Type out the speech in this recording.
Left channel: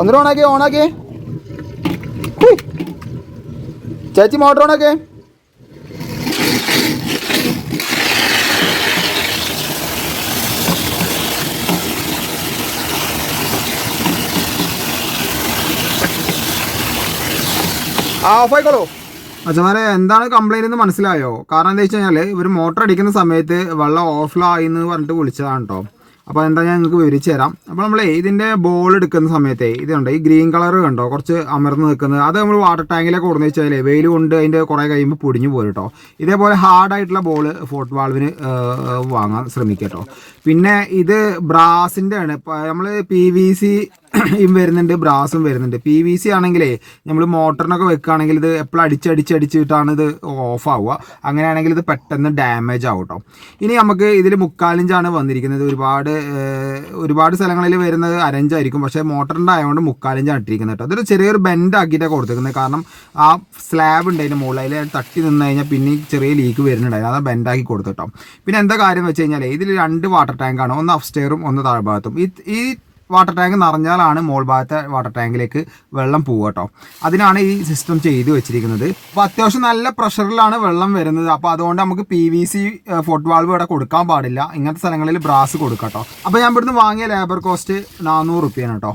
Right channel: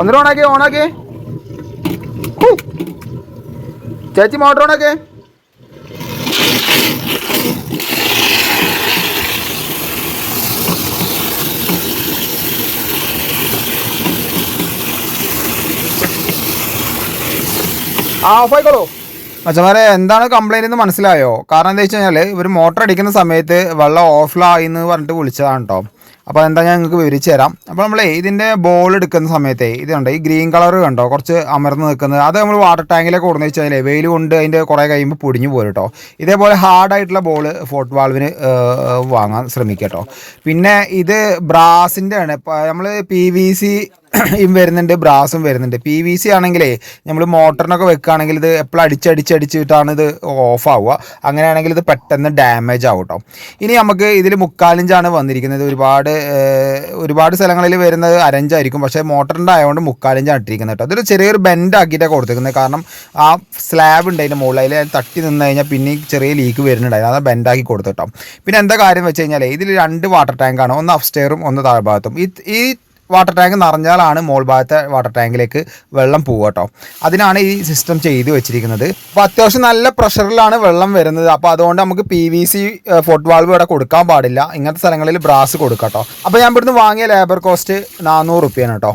ഒന്നിനും ഓണാക്കി ചേച്ചി മോട്ടർ ഓണാക്കി. ഓഫായിക്കോളൂ. മച്ചന്മാരെ എന്താണ് കംപ്ലൈൻറ്റ് എന്ന് മനസ്സിലായോ? കാരണം എന്താ വെച്ച് കഴിഞ്ഞാൽ ഇവർ മോട്ടർ അടിക്കുന്ന സമയത്ത് വെള്ളം ഓഫിലായി എന്ന് പറഞ്ഞിട്ട് വിളിച്ചതാണ് കേട്ടോ. അപ്പോൾ എന്താ ഞാൻ നിങ്ങൾക്ക് വിവരിച്ച് തരാം. അപ്പോൾ നമ്മളെ ഇതിൻ്റെ ബോൾ എടുക്കുന്ന സമയത്ത് ഇതുണ്ട്, ഈ ഗ്രീൻ കളർ കണ്ടോ കുറച്ച് അമർന്ന് നിൽക്കുന്നത്, അത് നമ്മൾ വാട്ടർ ടാങ്കിലേക്ക് കൊടുന്ന് വെച്ചാൽ വെയിൽ കൊണ്ട് അതിൻ്റെ കുറേ കഴിയുമ്പോൾ പൊടിഞ്ഞു പോരും കേട്ടോ. ഇതേപോലെ ഹാർഡായിട്ടുള്ള ബോൾ ഫോർട്ട് വാൾവിന് വാങ്ങാൻ ശ്രമിക്കുക കേട്ടോ. പിന്നെ ഇത് ബ്രാസിൻ്റെ ആണ്. നമ്മൾ PVC വരുന്നുണ്ട്, ബ്രാസും വരുന്നുണ്ട്. PVC ആണെങ്കിലേ നമ്മൾ മോട്ടറിനൊക്കെ വെക്കുകയാണെങ്കിൽ ഇത് എപ്പോഴും അടിച്ചടിച്ചിട്ടാണ് ഇത് ഓഫ് ആവുക. അങ്ങനെയാണെങ്കിൽ ഇത് പെട്ടെന്ന് ഡാമേജ് ആവും കേട്ടോ. ഇനി നമുക്ക് ഇതിൽ 3/4 ഇഞ്ചാണ് വന്നിരിക്കുന്നത്. ഒരുപാട് സ്ഥലങ്ങളിൽ വരുന്നത് 1/2 ഇഞ്ചായിരിക്കും, പക്ഷേ മോട്ടറിൻ്റെ ആയതുകൊണ്ട് 3/4 ഇഞ്ചാണ് ഇട്ടിരിക്കുന്നത് കേട്ടോ. ഇതൊരു ചെറിയൊരു ബെൻഡ് ആക്കിയിട്ടാണ് കൊടുത്തിരിക്കുന്നത്. കാരണം ആ സ്ലാബ് ഉണ്ട് അതിൻ്റെ മുകളിൽ, അതിൽ തട്ടി നിന്ന് കഴിഞ്ഞാൽ പിന്നെ ചെറിയ ലീക്ക് വരുന്നുണ്ടായിരുന്നു, അത് ബെൻഡാക്കി കൊടുത്തു കേട്ടോ. പിന്നെ എന്താ കാര്യം വെച്ച് കഴിഞ്ഞാൽ ഇതിൽ 2 വാട്ടർ ടാങ്കാണ്, ഒന്ന് അപ്സ്റ്റെയറും ഒന്ന് താഴ്ഭാഗത്തും. ഈ വാട്ടർ ടാങ്ക് നിറഞ്ഞാലാണ് മോൾ ഭാഗത്തെ വാട്ടർ ടാങ്കിലേക്ക് വെള്ളം പോവുക കേട്ടോ. അതിനാണ് ഈ സിസ്റ്റം ചെയ്ത് വെച്ചിരിക്കുന്നത്. അപ്പോൾ അത്യാവശ്യം നല്ല പ്രഷറിലാണ് വെള്ളം വരുന്നത്. അപ്പോൾ അതുകൊണ്ട് നമുക്ക് PVC ഫോർട്ട് വാൾവ് ഇവിടെ കൊടുക്കാൻ പാടില്ല. ഇങ്ങനത്തെ സ്ഥലങ്ങളിൽ ബ്രാസ് കൊടുക്കാം കേട്ടോ. അപ്പോൾ ഞാൻ ഇവിടുന്ന് വാങ്ങിയ ലേബർ കോസ്റ്റ് 400 രൂപയാണ് കേട്ടോ.